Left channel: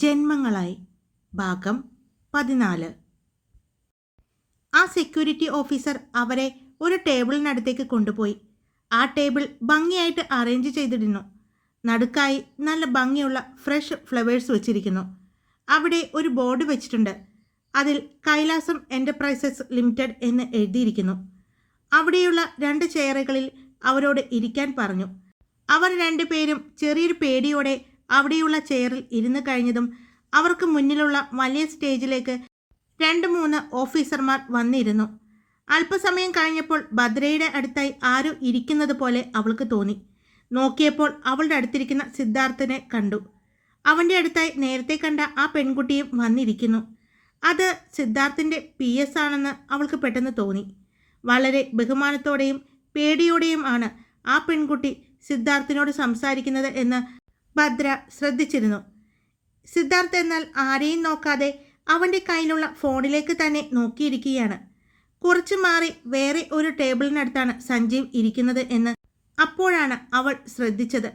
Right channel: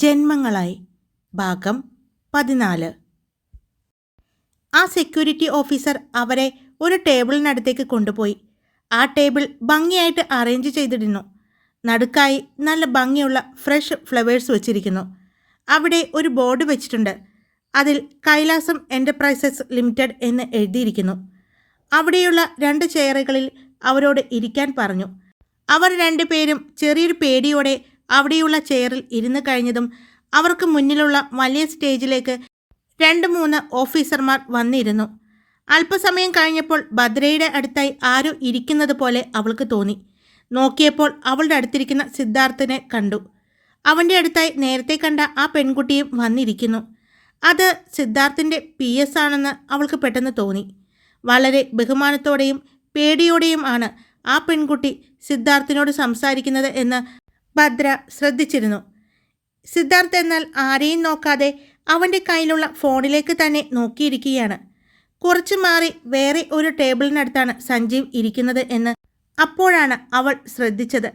ജന്മങ്ങളായി ഭാഗം 14. ആ security officer അവരെ ഒരു ടേബിളിനടുത്തേക്ക് കൊണ്ടുപോയി. ആ ടേബിൾ ഭംഗിയായിട്ട് അറേഞ്ച് ചെയ്തിരുന്നു. നടുക്കായി നല്ല ഭംഗിയുള്ള ഫ്രഷ് ഫ്ലവേഴ്സ് വെച്ചിരിക്കുന്നു. അവിടെ ഒരു ബോർഡ് വെച്ചിട്ടുണ്ട്. അതിൽ കൈലാസം എൻ്റർപ്രൈസസ് ലിമിറ്റഡ് എന്ന് എഴുതിയിരിക്കുന്നു. അവിടെയുള്ള 2 ചെയറുകളിൽ അവരോട് ഇരിക്കാൻ പറഞ്ഞു. അവർ 2 പേരും ചെറിയൊരു പേടിയോടെ അവിടെയുള്ള ചെയറിൽ ഇരുന്ന് കഴിഞ്ഞതും അവർക്ക് മുന്നിലുള്ള വലിയ സ്റ്റേജിലേക്ക് 2-3 ഓഫീസർമാർ വന്നിരുന്നു. അല്പസമയം കഴിഞ്ഞപ്പോൾ ഭദ്രയുടെ അടുത്തായി ആരോ ഇരിക്കുന്നത് പോലെ അവൾക്ക് തോന്നി. നോക്കിയപ്പോൾ അവളുടെ അടുത്തിരിക്കുന്ന സിദ്ധാർത്ഥനെ കണ്ടു. അവൻ്റെ അടുത്തായി നേരത്തെ കണ്ട ആ പെൺകുട്ടിയും വന്നിരിക്കുന്നു. അത് സിദ്ധാർത്ഥിൻ്റെ PS ആണെന്ന് അവൾക്ക് പെട്ടെന്ന് തോന്നി. വളരെ ബഹുമാനത്തോടെയും പേടിയോടെയും ആണ് ആ പെൺകുട്ടി സിദ്ധാർത്ഥിനോട് സംസാരിക്കുന്നത് എന്ന് ഭദ്ര ശ്രദ്ധിച്ചിരുന്നു. സിദ്ധാർത്ഥ് എന്നാൽ ആരെയും നോക്കാതെ അവൻ്റെ കയ്യിലുള്ള ഫോണിലേക്ക് തന്നെ നോക്കിയിരിക്കുകയാണ്. കുറച്ചു മാറി വേറെ ഒരു ടേബിളിനടുത്താണ് സഞ്ജീവ് ഇരിക്കുന്നത് എന്ന് അപ്പോഴാണ് അവൾ ശ്രദ്ധിച്ചത്.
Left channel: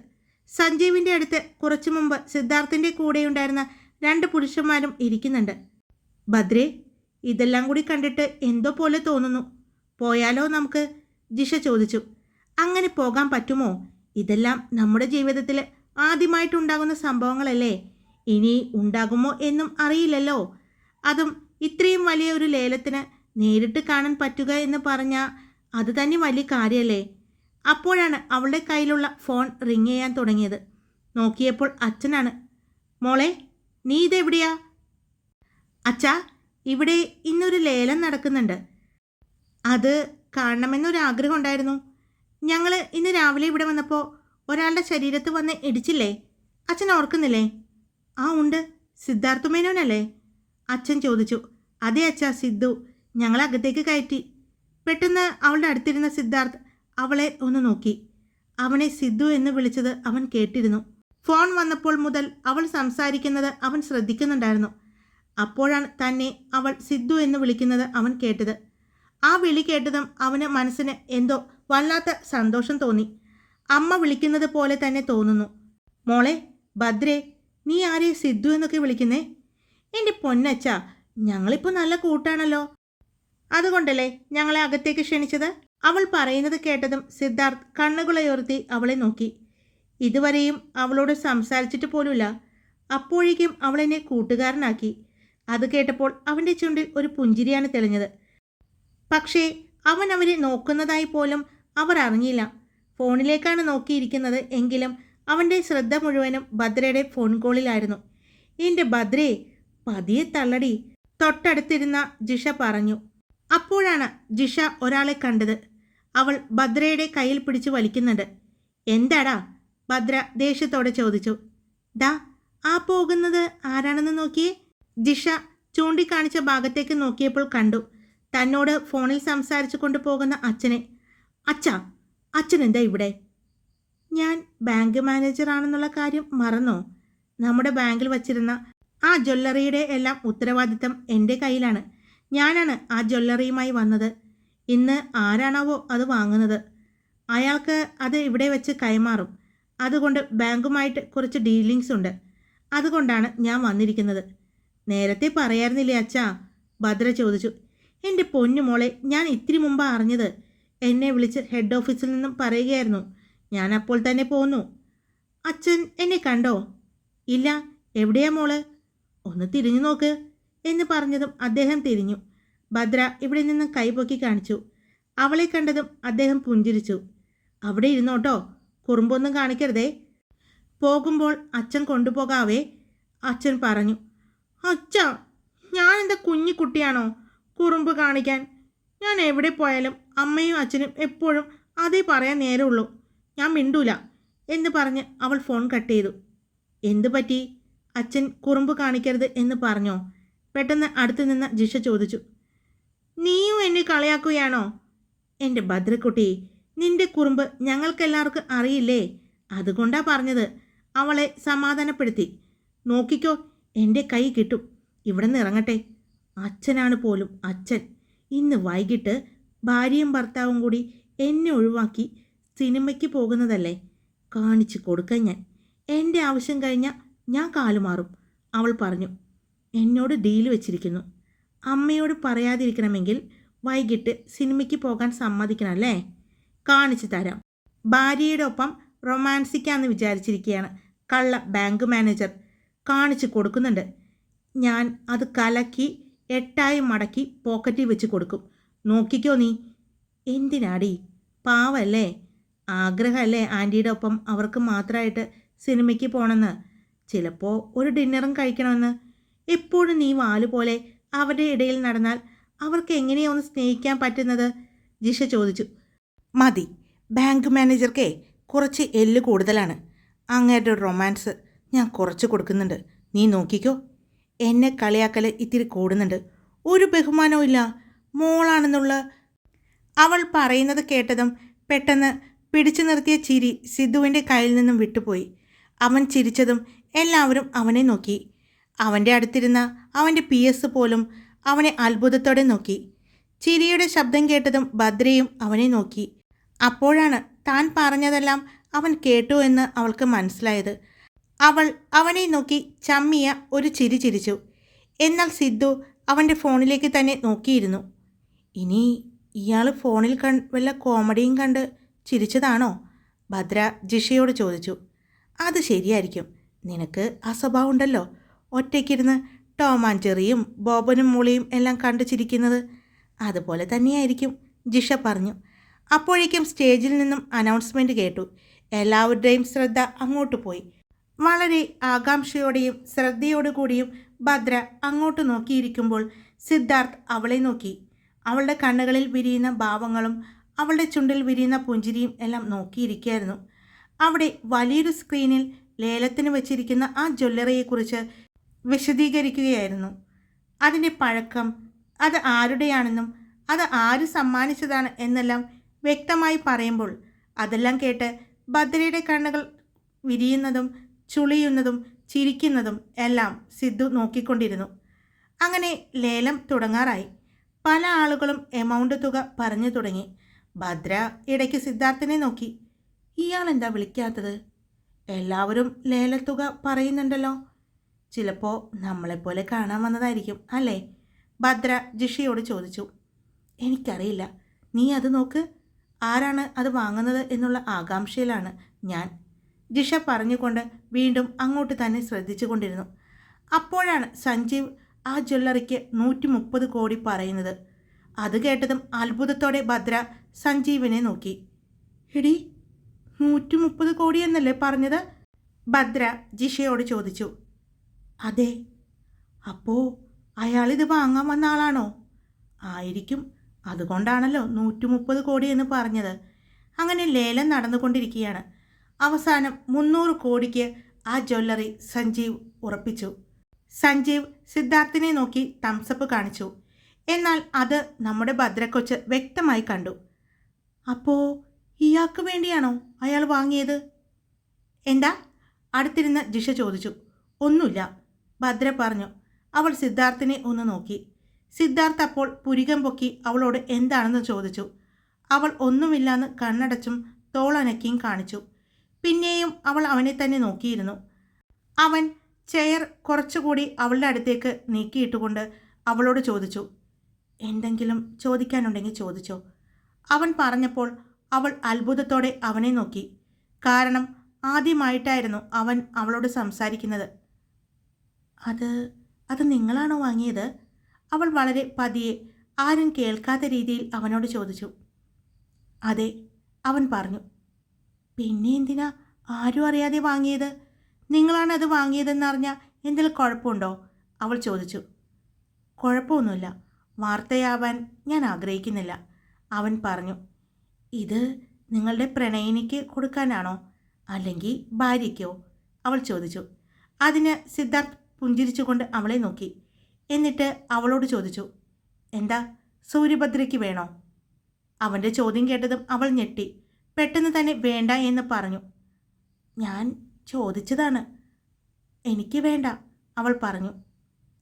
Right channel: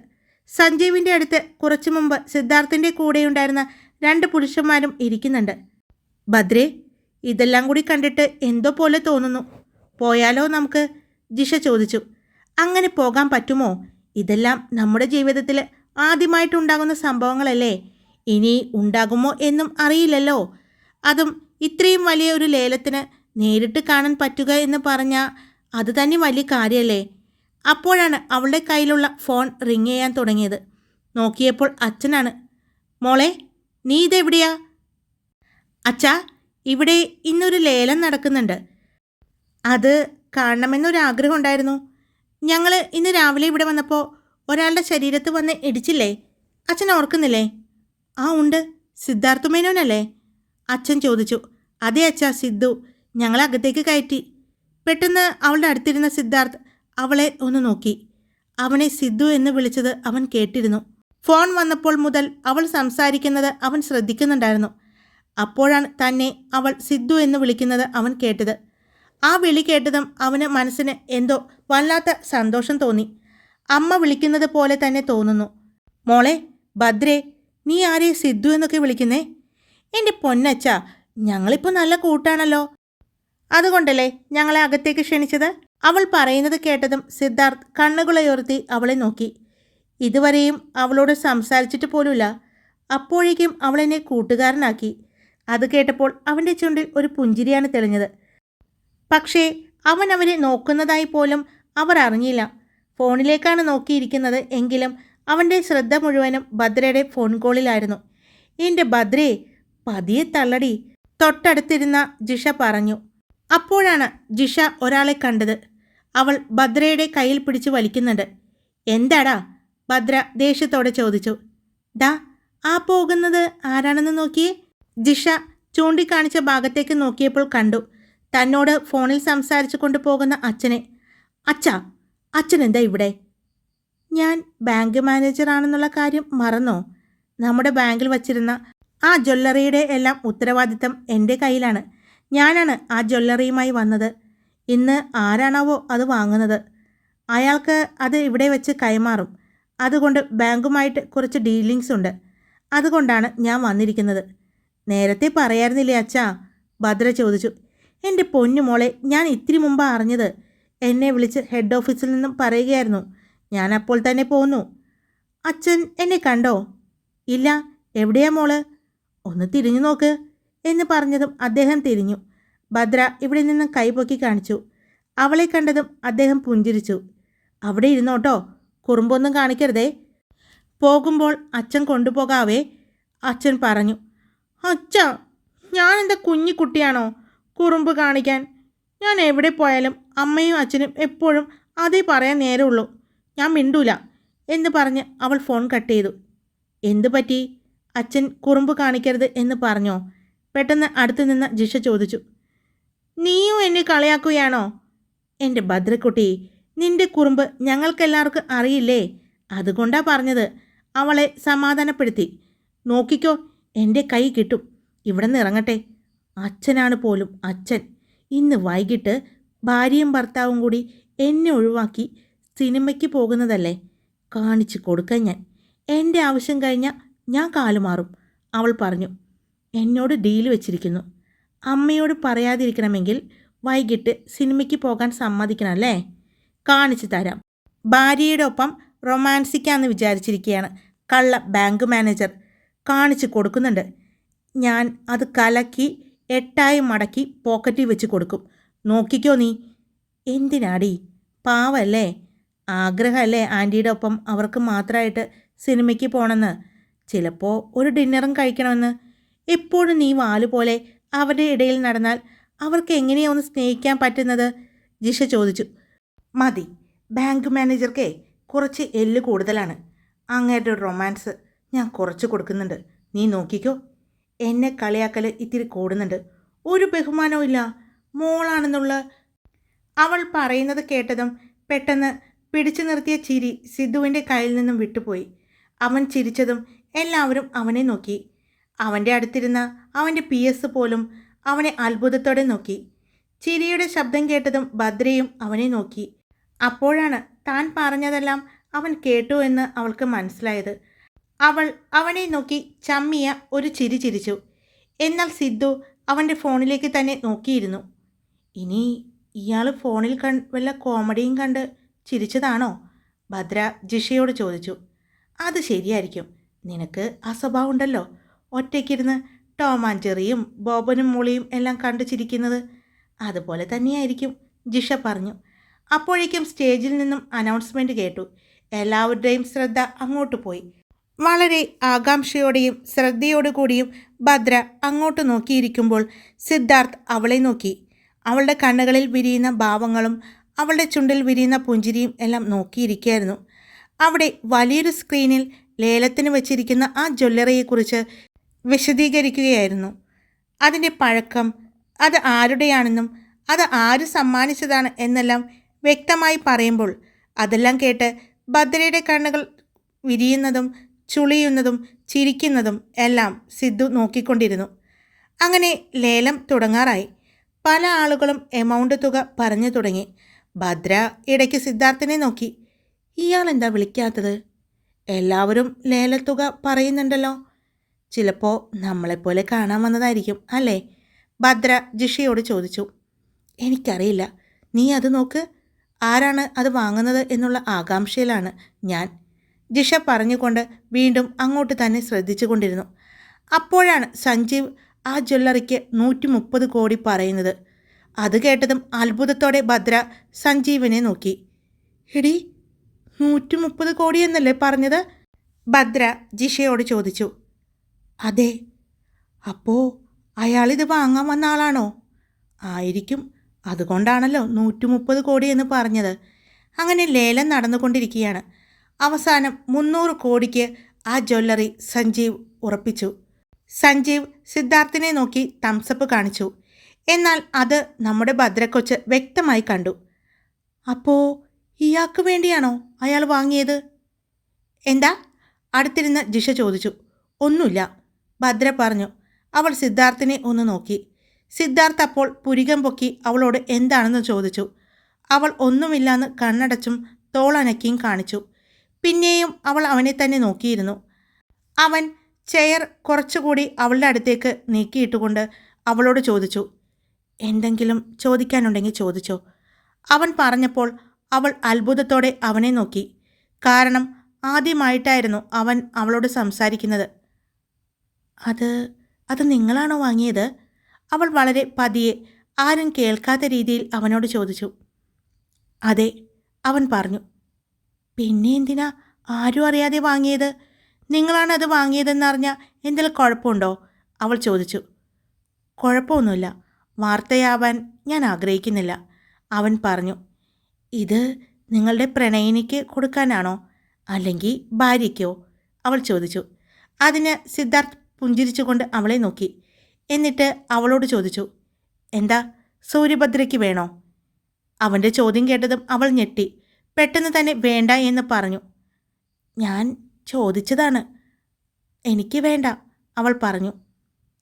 സഞ്ജീവിൻ്റെ അടുത്ത് കുറച്ചു മുമ്പ് സിദ്ധാർത്ഥിൻ്റെ കൂടെയുണ്ടായിരുന്ന 2 പുരുഷന്മാരും ഇരിക്കുന്നുണ്ട്. ഭദ്രേ, ഇതെല്ലാം കൂടി കണ്ടിട്ട് എന്തോ പോലെ തോന്നുന്നു. പോയാലോ നമുക്ക്? ജിഷ ചോദിച്ചു. അങ്ങനെ പോകാൻ പറ്റുമോ? ഇതെല്ലാം നമ്മുടെ ജീവിതത്തിൽ ആദ്യമായിട്ടുണ്ടാകുന്ന സംഭവങ്ങളല്ലേ. ഇനി ഉണ്ടാകുമോ എന്നും അറിയില്ലല്ലോ. അതും ഇത്രയും വലിയ ഒരു ലേലത്തിന് നേരിട്ട് കാണാൻ പറ്റുക എന്ന് പറഞ്ഞാൽ അത് തന്നെ വലിയ കാര്യമല്ലേ. അപ്പോഴാണ് അവളുടെ കയ്യിലുള്ള ഫോൺ റിങ് ചെയ്യാൻ തുടങ്ങിയത്. നോക്കിയപ്പോൾ അച്ഛനാണ്. മോളെ, നീ ഇതെവിടെയാ? അച്ഛാ, ഇവിടെ ഇന്നൊരു ലേലം നടക്കുന്നുണ്ട്. അത് കാണണമെന്നൊരാഗ്രഹം ഉണ്ടായിരുന്നു. ഞങ്ങൾ ഇന്ന് രാവിലെ ഇവിടെ വന്നപ്പോൾ ഒരാളുടെ ശരീരത്ത് വന്ന് ഇടിച്ചില്ലേ? അച്ഛൻ ഓർക്കുന്നില്ലേ? ആ ഉണ്ട്. സിദ്ധാർത്ഥ മേനോനല്ലേ? അച്ഛൻ ചോദിച്ചു. അതെ അച്ഛാ, സിദ്ധു. ഞങ്ങളകത്തേക്ക് കയറ്റി. പെട്ടെന്ന് അവളുടെ അടുത്തിരുന്ന സിദ്ധാർത്ഥ് അവളെ ഒന്ന് നോക്കി. അവനെ സിദ്ധു എന്ന് വിളിച്ചത് അവൻ കേട്ടിരുന്നു. ഫോൺ വന്നപ്പോൾ മുതൽ അവൾ സംസാരിക്കുന്നത് അവൻ ശ്രദ്ധിക്കുന്നുണ്ടായിരുന്നു. അപ്പോഴാണ് തന്നെ അവൾ സിദ്ധു എന്ന് വിളിക്കുന്നത് അവൻ കേട്ടത്. ആ വിളി കേട്ടതും അവന് മനസ്സിന് എന്തോ വല്ലാത്ത സന്തോഷം തോന്നി. അമ്മ വിളിക്കുന്നത് പോലെ തന്നെ തോന്നുന്നു. മോളെ, ഭദ്രേ, നീ ആരെ സിദ്ധു എന്നൊക്കെ വിളിക്കുന്നേ? എൻ്റെ പൊന്നച്ഛ, ഞങ്ങളിപ്പോൾ നല്ല കൂട്ടാണല്ലോ. അതുകൊണ്ടല്ലേ ഞങ്ങളെ അകത്തേക്ക് ക്ഷണിച്ചത്? അവൾ പറയുന്നത് കേട്ടതും സിദ്ധാർത്ഥ് കണ്ണുകളുയർത്തി അവളെ നോക്കി. ഇതുവരെയും അവളോട് സംസാരിച്ചിട്ട് പോലുമില്ല. അപ്പോഴേക്കും അവളെന്നെ കൂട്ടുകാരനാക്കി. അത് കേട്ടപ്പോൾ അവൻ്റെ ചുണ്ടിൽ ഒരു പുഞ്ചിരിയാണ് തെളിഞ്ഞത്. പക്ഷേ അവൻ അവരെ നോക്കുന്നതായി പോലും അവർ അറിഞ്ഞില്ല. ഫോണിലേക്കാണ് നോക്കിയിരിക്കുന്നത്. എങ്കിലും അവൻ്റെ ശ്രദ്ധ മുഴുവനും ഭദ്രയുടെ ഫോൺ കോളിലായിരുന്നു. എൻ്റെ ഭദ്രേ, പതിയെ തള്ളടി, തൊട്ടടുത്തിരുന്ന ജിഷ പറഞ്ഞു. അപ്പോഴാണ് ജിഷ ഒരാളെ കണ്ടത്. അവൾ ഭദ്രയുടെ കയ്യിൽ പിടിച്ച് വലിക്കുന്നുണ്ട്. എന്താടാ? ഭദ്ര ദേഷ്യത്തോടെ ചോദിച്ചു. ഡാ, ആ പോകുന്നത് ആരാണെന്ന് നോക്കിയേ. ജിഷ ചൂണ്ടിക്കാണിച്ച ഭാഗത്തേക്ക് നോക്കിയപ്പോൾ കണ്ടു തന്നോട് ഫോണിൽ സംസാരിച്ചു കൊണ്ടുപോകുന്ന അച്ഛനെ. അച്ഛാ, അച്ഛൻ എന്താ ഇവിടെ? ഞാൻ ബാങ്ക് മാനേജറാണെന്നുള്ള കാര്യം മറന്നോ? നമ്മുടെ ബാങ്കിൽ വച്ചിരുന്ന ആ ജ്വല്ലറിയുടെ എല്ലാം ഉത്തരവാദിത്തം എൻ്റെ കയ്യിലാണ്. ഞാനാണ് ആ ജ്വല്ലറിയുമായി വന്നത്. ഇന്ന് ആരാണാവോ അത് വാങ്ങുന്നത്. അയാൾക്ക് അത് ഇവിടെ വെച്ച് കൈമാറും. അതുകൊണ്ട് ബാങ്കുമായിട്ട് കുറച്ച് ഡീലിങ്സ് ഉണ്ട്. അതുകൊണ്ടാണ് ഞാൻ വന്നിരിക്കുന്നത്. നേരത്തെ പറയാറുന്നില്ലേ അച്ഛാ? ഭദ്ര ചോദിച്ചു. എൻ്റെ പൊന്നു മോളെ, ഞാൻ ഇത്തിരി മുമ്പ് അറിഞ്ഞത്. എന്നെ വിളിച്ച് ഹെഡ് ഓഫീസിൽ നിന്നും പറയുകയായിരുന്നു. ഞാൻ അപ്പോൾ തന്നെ പോന്നു. അച്ഛൻ എന്നെ കണ്ടോ? ഇല്ല. എവിടെയാ മോള്? ഒന്ന് തിരിഞ്ഞു നോക്ക് എന്ന് പറഞ്ഞതും അദ്ദേഹം തിരിഞ്ഞു. ഭദ്ര ഇവിടെ നിന്ന് കൈപൊക്കി കാണിച്ചു. അവളെ കണ്ടതും അദ്ദേഹം പുഞ്ചിരിച്ചു. അവിടെ ഇരുന്നോട്ടോ, കുറുമ്പൊന്നും കാണിക്കരുതേ. പോകുമ്പോൾ അച്ഛൻ കൊണ്ടുപോകാവേ, അച്ഛൻ പറഞ്ഞു. അച്ഛാ, ഞാനെന്താ കുഞ്ഞിക്കുട്ടിയാണോ കുറുമ്പ് കാണിക്കാൻ? ഞാൻ എവിടെ പോയാലും അമ്മയും അച്ഛനും എപ്പോഴും അതേ പറയാൻ നേരമുള്ളൂ. ഞാൻ മിണ്ടൂല എന്ന് പറഞ്ഞ് അവൾ ഫോൺ കട്ട് ചെയ്തു. എന്തു പറ്റി? അച്ഛൻ കുറുമ്പ് കാണിക്കരുത് എന്ന് പറഞ്ഞോ? പെട്ടെന്ന് അടുത്തു നിന്ന് ജിഷ ചോദിച്ചു. നീയും എന്നെ കളിയാക്കുകയാണോ? എൻ്റെ ഭദ്രക്കുട്ടി, നിന്റെ കുറുമ്പ് ഞങ്ങൾക്കെല്ലാവർക്കും അറിയില്ലേ. അതുകൊണ്ടാ പറഞ്ഞത്. അവളെ സമാധാനപ്പെടുത്തി. നോക്കിക്കോ, എൻ്റെ കൈ കിട്ടും. ഇവിടെ നിന്ന് ഇറങ്ങട്ടെ. അച്ഛനാണ് പോലും അച്ഛൻ. ഇന്ന് വൈകിട്ട് ഭാര്യയും ഭർത്താവും കൂടി എന്നെ ഒഴിവാക്കി സിനിമയ്ക്ക് പോകുന്നതല്ലേ. കാണിച്ചു കൊടുക്കാൻ ഞാൻ. എൻ്റെ ആവശ്യം കഴിഞ്ഞാൽ ഞാൻ കാലുമാറും. അവൾ പറഞ്ഞു. എന്നോട് ഡീല് വെച്ചിരിക്കുന്നു. അമ്മയോട് പറയാതിരിക്കണമെങ്കിൽ വൈകിട്ട് സിനിമയ്ക്ക് പോകാൻ സമ്മതിക്കണമല്ലേ? കാണിച്ചു തരാം. ഭാര്യയുടെ ഒപ്പം റൊമാൻസിക്കാന്ന് വിചാരിച്ചിരിക്കുകയാണ് കള്ള ബാങ്ക് മാനേജർ. കാണിച്ചു കൊടുക്കുന്നുണ്ട്. ഞാൻ അത് കലക്കി 8 മടക്കി പോക്കറ്റിൽ വെച്ച് കൊടുക്കും. നോക്കിക്കോ നീ. എന്തിനാടി? പാവല്ലേ? ആഗ്രഹമല്ലേ ആൻറ്റിയുടെ ഒപ്പം അവർക്ക് മാത്രമായിട്ട് സിനിമയ്ക്ക് പോകണമെന്ന്? ചിലപ്പോൾ ഒരു ഡിന്നറും കഴിക്കണമെന്ന്. എപ്പോഴും നീ വാലുപോലെ അവരുടെ ഇടയിൽ നടന്നാൽ അവർക്ക് എങ്ങനെയാണ് ഒന്ന് സ്നേഹിക്കാൻ പറ്റുന്നത്? ജിഷ ചോദിച്ചു. മതി, ബാങ്ക് മാനേജർക്കേ കുറച്ച് എല്ല് കൂടുതലാണ്. അങ്ങേരുടെ റൊമാൻസ് ഞാൻ കുറച്ച് കൊടുക്കുന്നുണ്ട്. നീ നോക്കിക്കോ. എന്നെ കളിയാക്കൽ ഇത്തിരി കൂടുന്നുണ്ട്. ഒരു ബഹുമാനവും ഇല്ല. മോളാണെന്നുള്ള അവൾ പറയുന്നത് കേട്ടതും പെട്ടെന്ന് പിടിച്ചു നിർത്തിയ ചിരി സിദ്ധുവിൻ്റെ കയ്യിൽ നിന്നും വിട്ടുപോയി. അവൻ ചിരിച്ചതും എല്ലാവരും അവനെ നോക്കി. അവൻ്റെ അടുത്തിരുന്ന അവൻ്റെ PS പോലും അവനെ അത്ഭുതത്തോടെ നോക്കി. ചിരിയുടെ ശബ്ദം കേട്ടതും ഭദ്രയും അവനെ നോക്കി. അപ്പോഴാണ് താൻ പറഞ്ഞതെല്ലാം അവൻ കേട്ടു എന്ന് അവൾക്ക് മനസ്സിലായത്. അവൾ അവനെ നോക്കി ചമ്മിയ ഒരു ചിരി ചിരിച്ചു. എന്നാൽ സിദ്ധു അവൻ്റെ ഫോണിലേക്ക് തന്നെ നോക്കിയിരുന്നു. ഇനി ഇയാൾ ഫോണിൽ വല്ല കോമഡിയും കണ്ട് ചിരിച്ചതാണോ? ഭദ്ര ജിഷയോട് ചോദിച്ചു. അത് ശരിയായിരിക്കും. നിനക്ക് ആ സ്വഭാവം ഉണ്ടല്ലോ, ഒറ്റയ്ക്കിരുന്ന് ടോം ആൻഡ് ജെറിയും ബോബനും മോളിയും എല്ലാം കണ്ടു ചിരിക്കുന്നത്. അതുപോലെ തന്നെയായിരിക്കും, ജിഷ പറഞ്ഞു. അപ്പോഴേക്കും സ്റ്റേജിൽ നിന്നും അനൗൺസ്മെൻറ്റ് കേട്ടു. എല്ലാവരുടെയും ശ്രദ്ധ അങ്ങോട്ട് പോയി. വളരെ ആകാംക്ഷയോടെയും ശ്രദ്ധയോടു കൂടിയും ഭദ്ര അങ്ങോട്ട് നോക്കിയിരിക്കുമ്പോൾ സിദ്ധാർത്ഥ് അവളെ നോക്കി. അവളുടെ കണ്ണുകളിൽ വിരിയുന്ന ഭാവങ്ങളും അവളുടെ ചുണ്ടിൽ വിരിയുന്ന പുഞ്ചിരിയും എല്ലാം നോക്കിയിരിക്കുകയായിരുന്നു. അവിടെ വലിയൊരു സ്ക്രീനിൽ ലേലത്തിന് വെച്ചിരിക്കുന്ന ആ ജ്വല്ലറിയെക്കുറിച്ച് വിശദീകരിക്കുകയായിരുന്നു. അതിൻ്റെ പഴക്കം, അത് ആരുടെയാണെന്നും അത് ആര് സമ്മാനിച്ചതാണ് എന്നെല്ലാം വ്യക്തമായി പറയുമ്പോൾ അതെല്ലാം കേട്ട് ഭദ്രയുടെ കണ്ണുകൾ വിരിയുന്നതും ചുളിയുന്നതും ചിരിക്കുന്നതും എല്ലാം സിദ്ധു നോക്കിക്കൊണ്ടിരുന്നു. അങ്ങനെ ലേലം തുടങ്ങാറായി. പല ആളുകളും എമൗണ്ട് തുക പറഞ്ഞു തുടങ്ങി. ഭദ്ര ഇടയ്ക്ക് സിദ്ധാർത്ഥിനെ നോക്കി. ഇയാളെന്താ വിളിക്കാത്തത്? എല്ലാവരും ലേലത്തുക പറയുന്നുണ്ടല്ലോ. ചിലപ്പോൾ നമ്മളെപ്പോലെ കാണാൻ വന്നതായിരിക്കും അല്ലേ? ഭദ്ര ജിഷയോട് ചോദിച്ചു. എനിക്കറിയില്ല, നീ അത് നോക്ക്. ആരാണ് അത് വാങ്ങുന്നത് എന്നുള്ള ആകാംക്ഷയിലാണ് ഞാൻ, ജിഷ പറഞ്ഞുകൊണ്ട് വീണ്ടും അങ്ങോട്ട് തന്നെ ശ്രദ്ധിച്ചു കൊണ്ടിരുന്നു. അപ്പോഴാണ് സഞ്ജീവ് ആ ജ്വല്ലറിക്ക് 130 കോടി പറയുന്നത്. അത് കേട്ടതും അത്ഭുതത്തോടെ ഭദ്ര സഞ്ജീവിനെ നോക്കി. എടി, 130 കോടി എന്നല്ലേ പറഞ്ഞത്? ഭദ്ര ജിഷയോട് ചോദിച്ചു. അതെ. അപ്പോൾ അയാളിത് വാങ്ങാൻ വന്ന ആളാണോ? ആയിരിക്കും. അതുകൊണ്ടാണല്ലോ 130 കോടി എന്ന് പറഞ്ഞത്. അങ്ങനെ ലേലം നടന്നുകൊണ്ടിരിക്കുകയാണ്. അവസാനം 300 കോടിക്ക് ആ ജ്വല്ലറി സഞ്ജീവ് ഉറപ്പിച്ചു. സഞ്ജീവ് സിദ്ധാർത്ഥിനെ നോക്കി തംസപ്പ് കാണിച്ചു. എന്നാൽ അത് നമ്മുടെ ഭദ്രക്കൊച്ച് വ്യക്തമായി കണ്ടു. അപ്പോൾ ഇയാൾക്ക് വേണ്ടിയാണോ അയാൾ വാങ്ങിയത്? എന്താ? അടുത്തിരുന്ന ജിഷ ചോദിച്ചു. ഒന്നുമില്ല, ഭദ്ര പറഞ്ഞു. അവൾ സിദ്ധാർത്ഥിനെ ഒന്ന് നോക്കി. സിദ്ധാർത്ഥ് അപ്പോൾ പുരികം പൊക്കി അവളോട് എന്താണെന്ന് ചോദിച്ചു. അവൾ ഒന്നുമില്ലാന്ന് കണ്ണടച്ചും തോളനക്കിയും കാണിച്ചു. പിന്നെയും അവൾ അവനെ തന്നെ നോക്കിയിരുന്നു. അവൻ ചെയർ കുറച്ചുകൂടി അവളുടെ അടുത്തേക്ക് നീക്കിയിട്ടുകൊണ്ട് അവളോട് ചോദിച്ചു. എന്തെങ്കിലും ചോദിക്കാനുണ്ടെങ്കിൽ ചോദിച്ചോ. അവൻ പറഞ്ഞപ്പോൾ അവൾ അത്ഭുതത്തോടെ അവനെ നോക്കി. കാരണം ആദ്യമായിട്ടായിരുന്നു അവൻ അവളോട് സംസാരിക്കുന്നത്. അത് നിങ്ങളാണോ വാങ്ങിയത്? അവൾ വളരെ പതിയെ ആരും കേൾക്കാത്ത രീതിയിൽ അവനോട് ചോദിച്ചു. അതെ, അവൻ പറഞ്ഞു. പിന്നെ എന്തിനാ ആരും അറിയാതെ വാങ്ങിയത്? നിങ്ങളാണ് അത് വാങ്ങിയതെന്നറിഞ്ഞാൽ എന്തെങ്കിലും കുഴപ്പമുണ്ടോ? അവൾ ചോദിച്ചു. കുഴപ്പമൊന്നുമില്ല, വാർത്തയാവാൻ ഞാൻ ആഗ്രഹിക്കുന്നില്ല, അവൻ പറഞ്ഞു. ഇത് നിങ്ങളുടെ പ്രണയിനിക്ക് കൊടുക്കാനാണോ അല്ലെങ്കിൽ ഭാര്യയ്ക്കോ? അവൾ ചോദിച്ചു. അതിന് സിദ്ധാർത്ഥ് പുഞ്ചിരിച്ചുകൊണ്ട് അവളെ നോക്കി. എന്നിട്ട് അവളോട് ചോദിച്ചു. എന്താ, സൂര്യഭദ്രയ്ക്ക് വേണോ? അവൻ്റെ ചോദ്യം കേട്ടതും അവൾ ഞെട്ടി. പെട്ടെന്ന് തന്നെ വേണ്ട എന്ന് പറഞ്ഞു. ഞാൻ ചോദിച്ചതാണ്. എനിക്ക് വേണ്ട, അവൾ പറഞ്ഞു.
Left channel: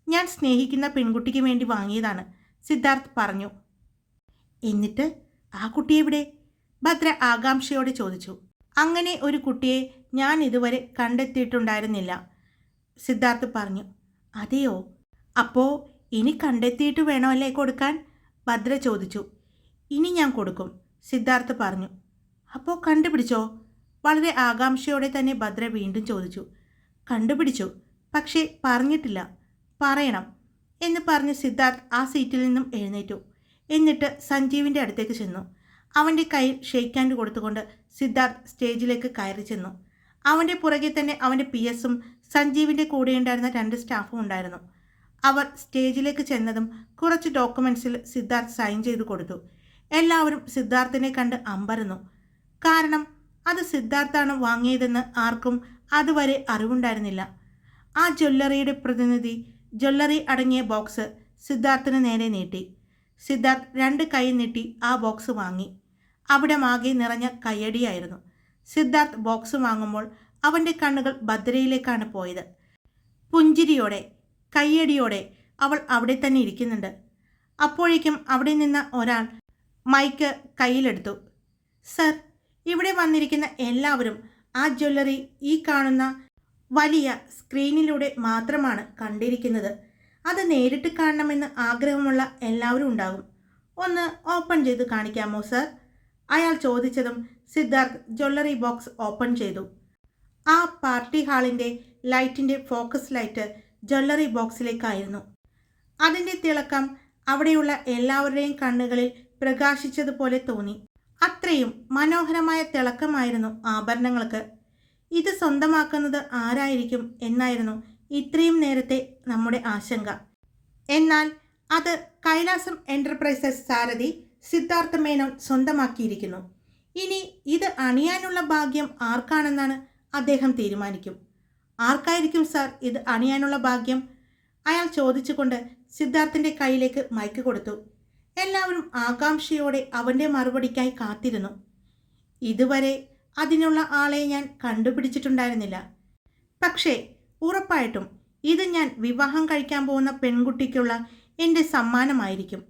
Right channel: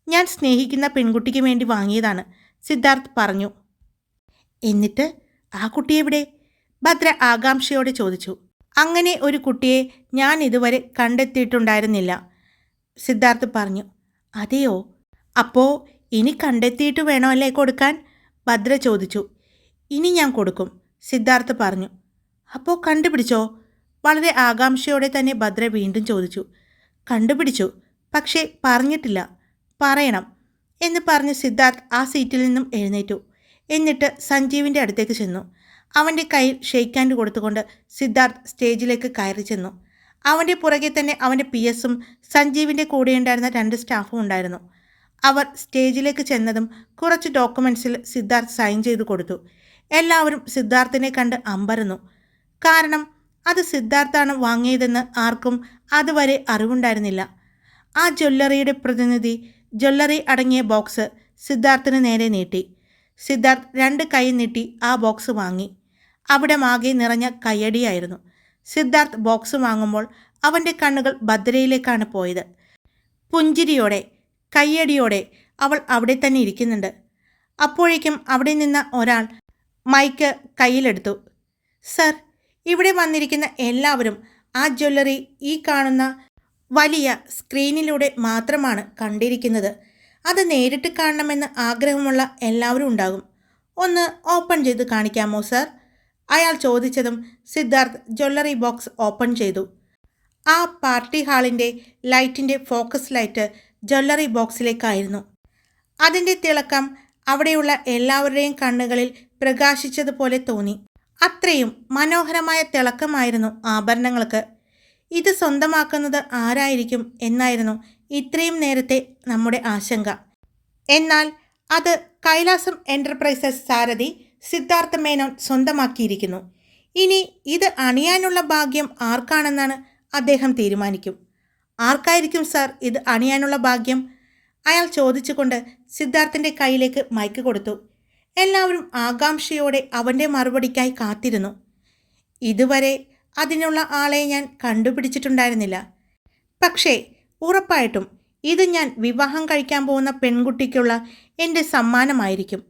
ഞാൻ സ്നേഹിക്കുന്ന പെൺകുട്ടിക്ക് വേണ്ടി വാങ്ങിയതാണ്, സിദ്ധാർത്ഥ് പറഞ്ഞു. എന്നിട്ട് ആ കുട്ടി എവിടെ? ഭദ്ര ആകാംക്ഷയോടെ ചോദിച്ചു. അങ്ങനെ ഒരു കുട്ടിയെ ഞാൻ ഇതുവരെ കണ്ടെത്തിയിട്ടുണ്ടായിരുന്നില്ല, സിദ്ധാർത്ഥ് പറഞ്ഞു. അതെയോ? അപ്പോൾ ഇനി കണ്ടെത്തിയിട്ട് വേണോ അല്ലേ കൊടുക്കാൻ? ഭദ്ര ചോദിച്ചു. ഇനി ഞാൻ കൊടുക്കും, സിദ്ധാർത്ഥ് പറഞ്ഞു. അപ്പോൾ കണ്ടുപിടിച്ചോ? വളരെ ആകാംക്ഷയോടെ തന്നെ ഭദ്ര വീണ്ടും ചോദിച്ചു. കണ്ടുപിടിച്ചു, പക്ഷേ പറഞ്ഞിട്ടില്ല. പറയണം എന്ന് പറഞ്ഞ് സിദ്ധാർത്ഥ് ആ സീറ്റിൽ നിന്നും എഴുന്നേറ്റു. എന്നിട്ട് സഞ്ജീവിൻ്റെ അടുത്തേക്ക് ചെന്നു. അവൻ്റെ കയ്യിൽ ഷെയ്ക്ക് ഹാൻഡ് കൊടുത്തുകൊണ്ട് സിദ്ധാർത്ഥ് സ്റ്റേജിലേക്ക് കയറി ചെന്നു. അവൻ്റെ പുറകെ തന്നെ അവൻ്റെ PS-ഉം സഞ്ജീവിൻ്റെ കൂടെയുണ്ടായിരുന്ന 2 സ്റ്റാഫും ഉണ്ടായിരുന്നു. അവർ സ്റ്റേജിലേക്ക് ചെന്നതും കുറച്ച് ഡോക്യുമെൻറ്റ്സിൽ സിദ്ധാർത്ഥ് സൈൻ ചെയ്ത് കൊടുത്തു. എല്ലാവരും സിദ്ധാർത്ഥിനെ കണ്ട് അമ്പരന്നു. കാരണം അത് സിദ്ധാർത്ഥാണ് വാങ്ങിയതെന്ന് ആർക്കും അതുവരെ അറിവുണ്ടായിരുന്നില്ല. ആ ജ്വല്ലറിയുടെ പ്രതിനിധി ജ്വല്ലറി അടങ്ങിയ ബോക്സ് സിദ്ധാർത്ഥിന് നേരെ നീട്ടി. സിദ്ധാർത്ഥ് 2 കൈ നീട്ടി ആ ബോക്സ് വാങ്ങി. അവിടെ മാകെ നിറഞ്ഞ കയ്യടിയായിരുന്നു. സിദ്ധാർത്ഥ് ബോക്സ് വാങ്ങുമ്പോൾ അവൻ്റെ കണ്ണുകൾ ഭദ്രയിലേക്കാണ് പോയത്. പുഞ്ചിരിയോടെ കയ്യടിയോടെ അവൾ അവിടെ തന്നെ ഇരിക്കുന്നുണ്ട്. അപ്പോഴേക്കും അവിടെ നിന്ന ഒരാൾ മൈക്ക് കയ്യിലെടുത്തു. സർ, ഇവിടെ വന്നിരിക്കുന്ന എല്ലാവരും ആ ജ്വല്ലറി ഈ കാണുന്ന വലിയ സ്ക്രീനിലൂടെ മാത്രമാണ് കണ്ടിരിക്കുന്നത്. അത് നേരിട്ട് കാണണമെന്ന് ആഗ്രഹമുള്ള എല്ലാവരും ഉണ്ടാകും. ഒന്ന് ഓപ്പൺ ചെയ്ത് കാണിക്കാമോ സർ? അയാൾ ചോദിച്ചതും സിദ്ധാർത്ഥ് ജ്വല്ലറി ബോക്സ് ഓപ്പൺ ചെയ്തു. ആ പാർട്ടി ഹാളിൻ്റെ ലൈറ്റിൻ്റെ ഫോക്കസ് ലൈറ്റ് ജ്വല്ലറി ബോക്സിലേക്കായിരുന്നു. അതിൻ്റെ തിളക്കം അവിടെയുള്ള എല്ലാവരുടെയും കണ്ണുകളിൽ പ്രകാശിച്ചതുപോലെ തോന്നി. അത്രയും മനോഹരമായ തിളക്കമായിരുന്നു ആഭരണങ്ങൾക്ക്. ഇത് സ്വന്തമാക്കുന്നത് ആരായിരിക്കും എന്നായിരുന്നു ഇത്രയും നേരത്തെ നമ്മുടെ ആശങ്ക. എന്നാൽ അത് കൈലാസം എൻ്റർപ്രൈസസ് സാരഥി സിദ്ധാർത്ഥ മേനോൻ സ്വന്തമാക്കിയിരിക്കുന്നു. ഇനി ഇത് അണിയാനുള്ള ഭാഗ്യം ആർക്കാണെന്നാണ് അദ്ദേഹം തീരുമാനിക്കും. ആർക്കായിരിക്കും സാർ ഇത് അണിയാനുള്ള ഭാഗ്യം? അയാൾ ചോദിച്ചുകൊണ്ട് സിദ്ധാർത്ഥിൻ്റെ കയ്യിലേക്ക് മൈക്ക് കൊടുത്തു. എല്ലാവരും ആകാംക്ഷയോടെ അവൻ്റെ മറുപടിക്കായി കാത്തിരുന്നു. ഇതുവരെ അതിനുള്ള ആളെ ഞാൻ കണ്ടുപിടിച്ചിട്ടുണ്ടായിരുന്നില്ല. പക്ഷേ ഉറപ്പായിട്ടും ഇത് ഞാൻ വിവാഹം കഴിക്കാൻ പോകുന്ന പെൺകുട്ടിക്കുള്ള എൻ്റെ സമ്മാനമായിരിക്കും.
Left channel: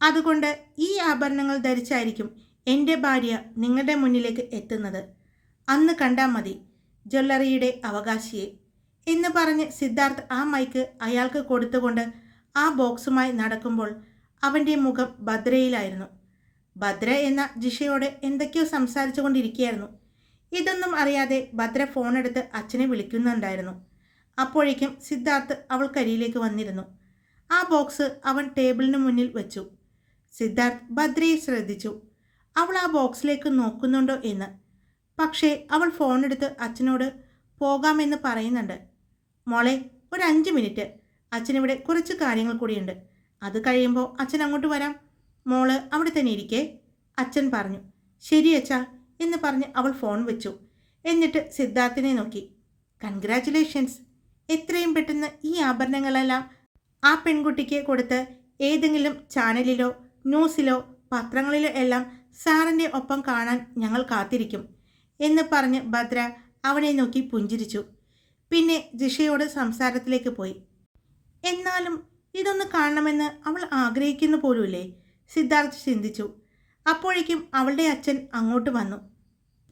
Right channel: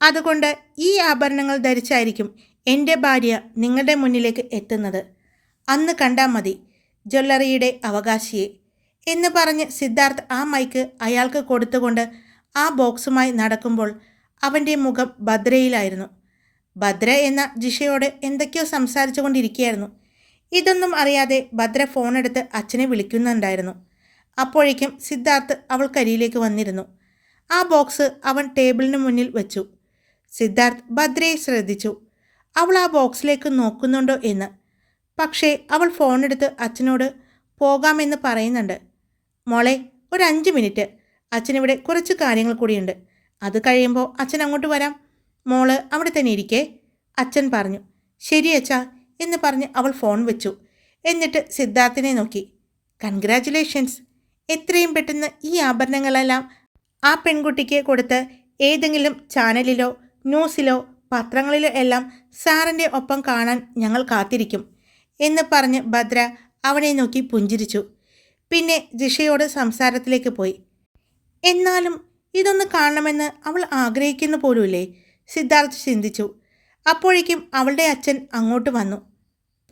അതുകൊണ്ട് ഈ ആഭരണങ്ങൾ ധരിച്ചായിരിക്കും എൻ്റെ ഭാര്യ നിങ്ങളുടെ മുന്നിലേക്ക് എത്തുന്നത്. അന്ന് കണ്ടാൽ മതി ജ്വല്ലറിയുടെ അവകാശിയെ എന്ന് പറഞ്ഞ് സിദ്ധാർത്ഥ് ആ മൈക്ക് അയാൾക്ക് കൊടുത്തുകൊണ്ട് ആ ബോക്സുമായി നടക്കുമ്പോൾ അവൻ്റെ മുഖം ഭദ്രയിലായിരുന്നു. ഭദ്ര എന്ന ജിഷയോട് എന്തൊക്കെയോ സംസാരിച്ചു കൊണ്ടിരിക്കുകയായിരുന്നു. ഇതൊന്നും അറിയാതെ ഭദ്ര ഫോണെടുത്ത് അച്ഛനെ വിളിക്കുന്നുണ്ടായിരുന്നു. അപ്പോഴേക്കും സിദ്ധാർത്ഥ് അവൾക്കരിയിലേക്ക് വന്നിരുന്നു. ആ ബോക്സ് അവൻ ടേബിളിന് മുന്നിൽ വെച്ചു. സിദ്ധാർത്ഥ് ഭദ്രയെ ശ്രദ്ധിച്ചു. അവൾ ആ ബോക്സിലേക്ക് നോക്കുന്നുണ്ടോ എന്ന്. പക്ഷേ അവൾ ഫോണെടുത്ത് അച്ഛനോട് പോകാമെന്ന് പറയുന്നുണ്ട്. മോളെ, ഒരു 5 മിനിറ്റ്, അച്ഛനിവിടെ കുറച്ച് കാര്യങ്ങൾ കൂടിയുണ്ട്. അത് കഴിയുമ്പോൾ അച്ഛൻ അങ്ങോട്ട് വരാം. മോള് അവിടെ തന്നെ ഇരിക്കേ, അച്ഛൻ പറഞ്ഞു. ശരി അച്ഛാ എന്ന് പറഞ്ഞ് അവൾ ഫോൺ വെച്ചു. എന്നിട്ട് സിദ്ധാർത്ഥിനെ നോക്കി. കൺഗ്രാറ്റുലേഷൻസ്, എത്രയും പെട്ടെന്ന് ഈ ആഭരണങ്ങളെല്ലാം ആ പെൺകുട്ടിക്ക് കൊടുത്ത് ഏതെങ്കിലും ചാനലിലോ ന്യൂസിലോ പത്രങ്ങളിലോ എല്ലാം സാറിൻ്റെ ഒപ്പം കാണാൻ ഞങ്ങൾ കാത്തിരിക്കും എന്ന് പറഞ്ഞ് ഭദ്ര അവനെ നോക്കി പുഞ്ചിരിച്ചു. പിന്നെ ജിഷയോട് സംസാരത്തിലേക്ക് പോയി. എന്നാലും ഇതൊന്ന് കാണണമെന്ന് അവൾ ആഗ്രഹിക്കുന്നു പോലുമില്ലേ? സിദ്ധാർത്ഥ് ചിന്തിച്ചു. അപ്പോഴേക്കും അവളുടെ അച്ഛൻ അങ്ങോട്ട് വന്നു.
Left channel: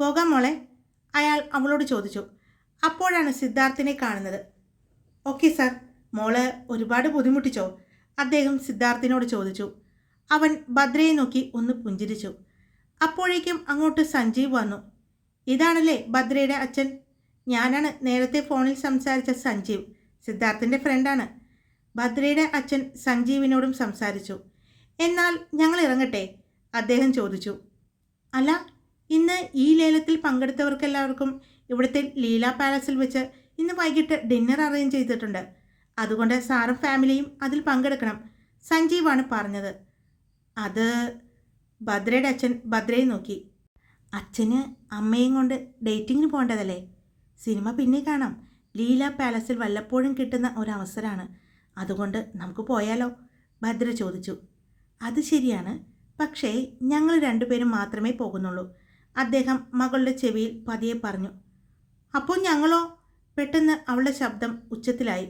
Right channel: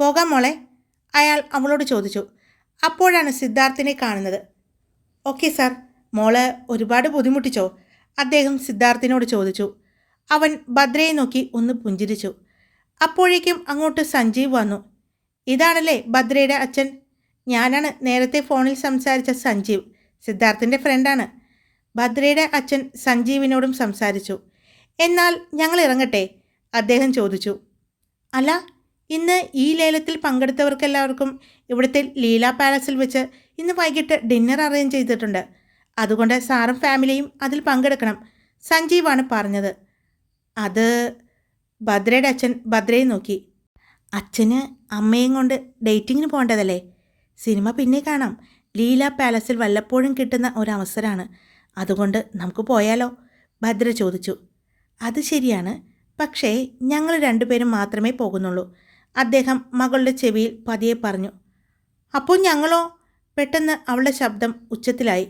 പോകാം മോളെ, അയാൾ അവളോട് ചോദിച്ചു. അപ്പോഴാണ് സിദ്ധാർത്ഥിനെ കാണുന്നത്. ഓക്കെ സാർ, മോള് ഒരുപാട് ബുദ്ധിമുട്ടിച്ചോ? അദ്ദേഹം സിദ്ധാർത്ഥിനോട് ചോദിച്ചു. അവൻ ഭദ്രയെ നോക്കി ഒന്ന് പുഞ്ചിരിച്ചു. അപ്പോഴേക്കും അങ്ങോട്ട് സഞ്ജീവ് വന്നു. ഇതാണല്ലേ ഭദ്രയുടെ അച്ഛൻ? ഞാനാണ് നേരത്തെ ഫോണിൽ സംസാരിച്ച സഞ്ജീവ്, സിദ്ധാർത്ഥിൻ്റെ ഫ്രണ്ടാണ്. ഭദ്രയുടെ അച്ഛൻ സഞ്ജീവിനോടും സംസാരിച്ചു. എന്നാൽ ഞങ്ങൾ ഇറങ്ങട്ടെ? അദ്ദേഹം ചോദിച്ചു. അല്ല, ഇന്ന് ഈ ലേലത്തിൽ പങ്കെടുത്തവർക്കെല്ലാവർക്കും ഇവിടുത്തെ ലീല പാലസിൽ വെച്ച് ഇന്ന് വൈകിട്ട് ഡിന്നർ അറേഞ്ച് ചെയ്തിട്ടുണ്ട്. അതുകൊണ്ട് സാറും ഫാമിലിയും അതിൽ പങ്കെടുക്കണം, സഞ്ജീവാണ് പറഞ്ഞത്. അത് ഭദ്രയുടെ അച്ഛൻ ഭദ്രയെ നോക്കി. അച്ഛന് അമ്മയും കൊണ്ട് ഡേറ്റിങ്ങിന് പോകേണ്ടതല്ലേ? സിനിമ പിന്നെ കാണാം. ലീല പാലസിൽ വല്ലപ്പോഴും കിട്ടുന്ന ഒരവസരമാണ്. അതുകൊണ്ട് നമുക്ക് പോയാലോ? ഭദ്ര ചോദിച്ചു. അത് ശരിയാണ്, പക്ഷേ ഞങ്ങൾ 2 പേരും മാത്രമേ പോകുന്നുള്ളൂ, അദ്ദേഹം മകളുടെ ചെവിയിൽ പതിയെ പറഞ്ഞു. അപ്പോൾ ഞങ്ങളോ? പെട്ടെന്ന് അവളുടെ ശബ്ദം ഉച്ചത്തിലായി.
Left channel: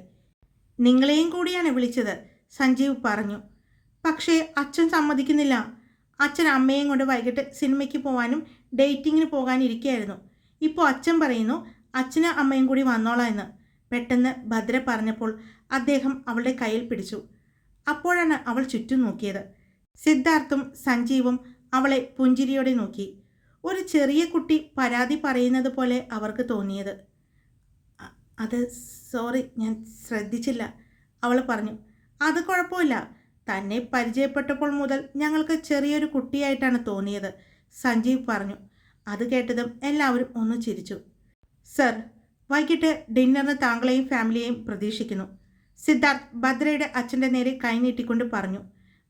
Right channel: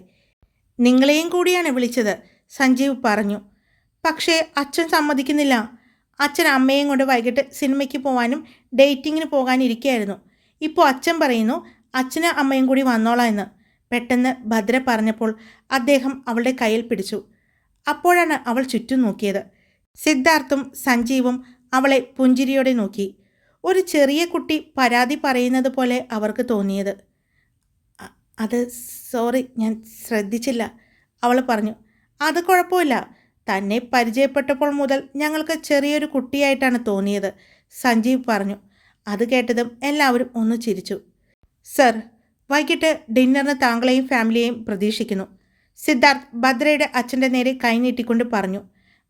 നിങ്ങളെയും കൂടിയാണ് വിളിച്ചത്, സഞ്ജീവ് പറഞ്ഞു. പക്ഷേ അച്ഛൻ സമ്മതിക്കുന്നില്ല. അച്ഛൻ അമ്മയും കൊണ്ട് വൈകിട്ട് സിനിമയ്ക്ക് പോകാനും ഡേറ്റിങ്ങിന് പോകാനിരിക്കുകയായിരുന്നു. ഇപ്പോൾ അച്ഛൻ പറയുന്നു അച്ഛനും അമ്മയും കൂടി വന്നോളാം എന്ന്. പെട്ടെന്ന് ഭദ്ര പറഞ്ഞപ്പോൾ അദ്ദേഹം അവളുടെ കയ്യിൽ പിടിച്ചു. അപ്പോഴാണ് അവൾ ചുറ്റും നോക്കിയത്. സിദ്ധാർത്ഥും സഞ്ജീവും അവളെ പുഞ്ചിരിയോടെ നോക്കി. ഒരു ചെറിയ കുട്ടി പരാതി പറയുന്നത് പോലെ അവർക്ക് തോന്നിയത്. അത് സോറി, ഞാൻ ശ്രദ്ധിച്ചില്ല, അവൾ പറഞ്ഞു. അത് കുഴപ്പമില്ല. തന്നെ പരിചയപ്പെട്ടപ്പോൾ മുതൽ ഞങ്ങൾക്ക് ചെറിയൊരു കുട്ടിയായിട്ടാണ് തോന്നിയത്, സഞ്ജീവ് പറഞ്ഞു. അത് കേട്ടതും എല്ലാവരും ഒന്ന് ചിരിച്ചു. സർ, വൈകിട്ട് ഡിന്നറിന് താങ്കളെയും ഫാമിലിയെയും പ്രതീക്ഷിക്കുന്നു, സിദ്ധാർത്ഥ് ഭദ്രയുടെ അച്ഛൻ്റെ നേരെ കൈനീട്ടിക്കൊണ്ട് പറഞ്ഞു.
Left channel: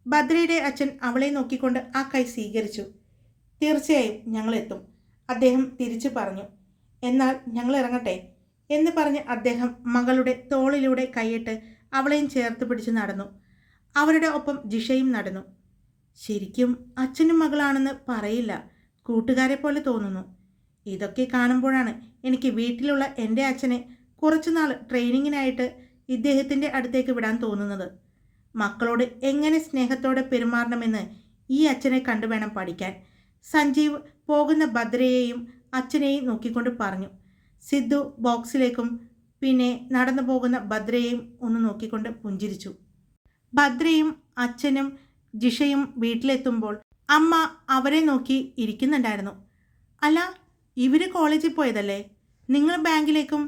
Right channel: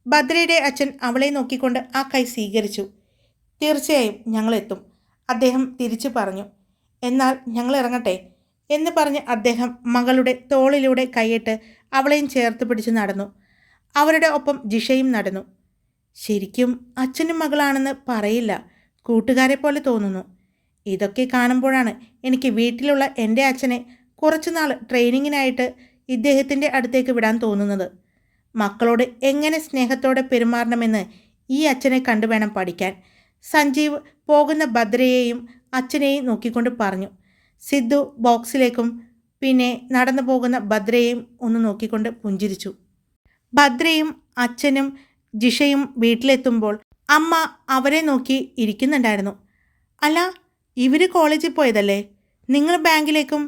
ഭദ്രയുടെ അച്ഛൻ അവളെ നോക്കിക്കൊണ്ട് ആ കൈ സ്വീകരിച്ചു. തീർച്ചയായും ഞങ്ങളെത്തും, അദ്ദേഹം തിരിച്ചു പറഞ്ഞു. എന്നാൽ ഞങ്ങൾ ഇറങ്ങട്ടെ എന്ന് പറഞ്ഞ് അദ്ദേഹം മകളുടെ തോളിലൂടെ കൈയിട്ട് അവളെയും ചേർത്ത് പിടിച്ച് നടന്നു. അവരുടെ ഒപ്പം ജിഷയും നടന്നു. ശരിക്കും അച്ഛനും മകളാണെന്ന് പറയില്ല, കൂട്ടുകാരെ പോലെ തോന്നുന്നു. ഇതൊക്കെ കാണുമ്പോഴാണ് എനിക്ക് വീട്ടിലുള്ള എൻ്റെ അച്ഛനെ കുറച്ചുനാൾ ട്രെയിനിങ്ങിനായിട്ട് ഇദ്ദേഹത്തിൻ്റെ അടുത്തേക്ക് വിടാൻ തോന്നുന്നത്. മക്കളോട് എങ്ങനെ സ്നേഹത്തോടെ പെരുമാറണമെന്ന് ഈ അച്ഛനെ കണ്ടു വേണം പഠിക്കാൻ, സഞ്ജീവ് പോകുന്ന ഭദ്രയെയും അച്ഛനെയും നോക്കിക്കൊണ്ട് പറഞ്ഞു. സിദ്ധു ബോക്സിലേക്കും പിന്നെ നടന്നു പോകുന്ന ഭദ്രയെയും ഒന്ന് നോക്കിക്കൊണ്ട് പുഞ്ചിരിച്ചു. ഭദ്രയും അച്ഛനും ജിഷയും വീട്ടിലെത്തുമ്പോൾ അമ്മ അവരെ നോക്കി ഇരിക്കുന്നുണ്ടായിരുന്നു. അല്ല, ഇവർ കോളേജിൽ പോയതല്ലേ? നിങ്ങൾ ബാങ്കിലേക്കും,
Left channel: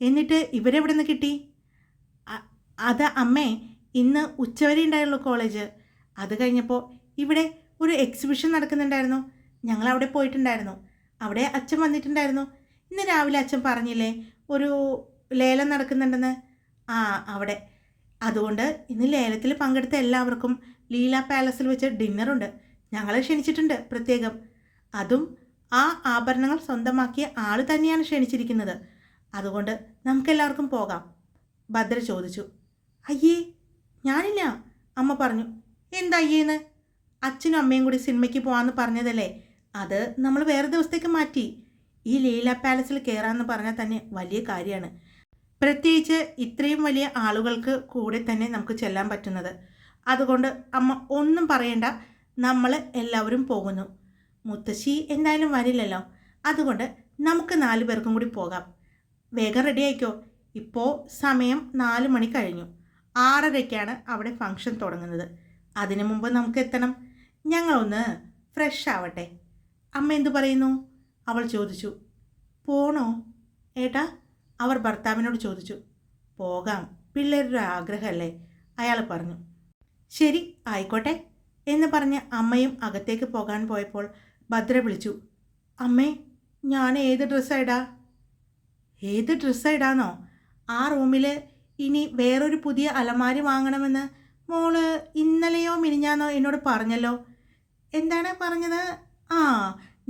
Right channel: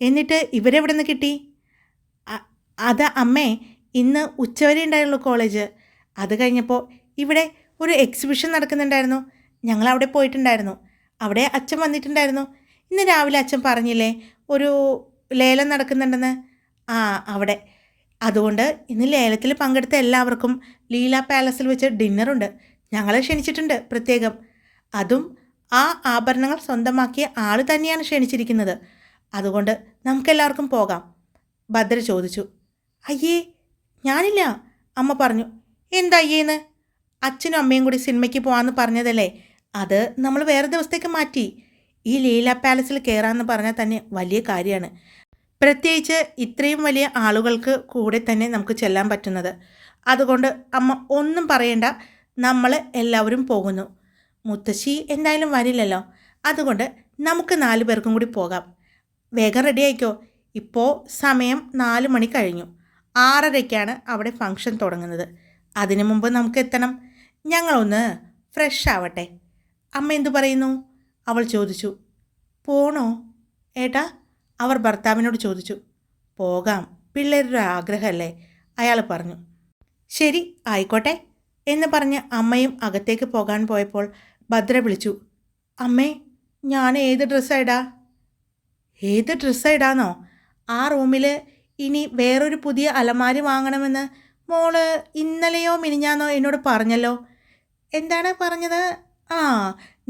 എന്നിട്ട് ഇവരെവിടെ നിന്ന് കിട്ടി? അത് അമ്മേ, ഇന്ന് ഉച്ചവരെ ഉണ്ടായുള്ളൂ കോളേജ്. അത് കഴിഞ്ഞപ്പോൾ ഇവിടെ ഒരു എക്സിബിഷൻ നടക്കുന്നുണ്ടായിരുന്നു, ഞങ്ങൾ അവിടെ പോയിട്ടുണ്ടായിരുന്നു. അവിടെ അച്ഛൻ വന്നിട്ടുണ്ടായിരുന്നു. ഇന്ന് രാവിലെ അച്ഛൻ പറഞ്ഞില്ലേ ഒരു ലേലം നടക്കുന്നുണ്ടെന്ന്? അവിടെ. അതുകൊണ്ട് ഇന്ന് ലേലത്തിൽ പങ്കെടുത്ത എല്ലാവർക്കും ലീല പാലസിൽ വെച്ച് ഡിന്നറുണ്ട്. ഞങ്ങളെ ക്ഷണിച്ചിട്ടുണ്ട് പ്രത്യേകം. അതും ആ ആഭരണങ്ങൾ സ്വന്തമാക്കിയ ആൾ തന്നെയാണ് ക്ഷണിച്ചിരിക്കുന്നത്. അതുകൊണ്ട് നമുക്കെല്ലാവർക്കും പോകാം, ഭദ്ര ചോദിച്ചു. അയ്യേ, ഞാനില്ല, അമ്മ പറഞ്ഞു. എന്താ അയ്യേന്ന്? അച്ഛനും അമ്മയും കൂടി സിനിമയ്ക്ക് പോകാമെന്ന് പറഞ്ഞതല്ലേ, അത് നമ്മൾ വേറെ ദിവസത്തേക്ക് മാറ്റി. ഈ ലീല പാലസിൽ കയറാമെന്ന് പറഞ്ഞാൽ തന്നെ വലിയ കാര്യമാണ്. പ്രത്യേകിച്ച് ഇത്രയും വലിയ ആളുകൾക്ക് കൂടെ തന്നെ നമുക്ക് ചെല്ലാൻ പറ്റുന്നത്. അതുകൊണ്ട് അമ്മ ഒന്നും പറയണ്ട, നമ്മൾ എല്ലാവരും പോകുന്നു. മുത്തശ്ശി എന്തായാലും വരില്ലല്ലോ, അതുകൊണ്ട് നമുക്ക് 4 പേർക്കും കൂടി പോകാം. വേഗം റെഡി ആയിക്കോ, ഇപ്പോൾ സമയം 4 മണി കഴിഞ്ഞു. 6:30-ക്കാണ് അവിടെ ഫംഗ്ഷൻ തുടങ്ങുന്നത്. അതിനു മുമ്പ് നമുക്ക് എത്തണം. ഞങ്ങളൊന്ന് ഫ്രഷ് ആവട്ടെ. അമ്മ എന്തു പറയുന്നു? അവൾ ചോദിച്ചു. പോണോ ഏട്ടാ? അവർ ഭർത്താവിനോട് ചോദിച്ചു. പോകാം, പിള്ളേരുടെ ആഗ്രഹമല്ലേ, അയാൾ പറഞ്ഞു. ശരി, ആയിക്കോട്ടെ എന്ന് പറഞ്ഞ് അമ്മയും അകത്തേക്ക് പോകാൻ പോയപ്പോൾ ഭദ്ര വിളിച്ചു. അമ്മേ, ഞാൻ ഏത് ഡ്രസ്സായിടാ? ഏത് ഡ്രസ്സായിടാന്നോ? ആ റൂമിൽ ഇനി വേറൊരു പുതിയ അലമാരി വാങ്ങണമെന്ന് മോള് ഇന്നലെയോ മിനിഞ്ഞാന്നോ എന്നോട് പറഞ്ഞല്ലോ. എന്താണ് പറഞ്ഞത്?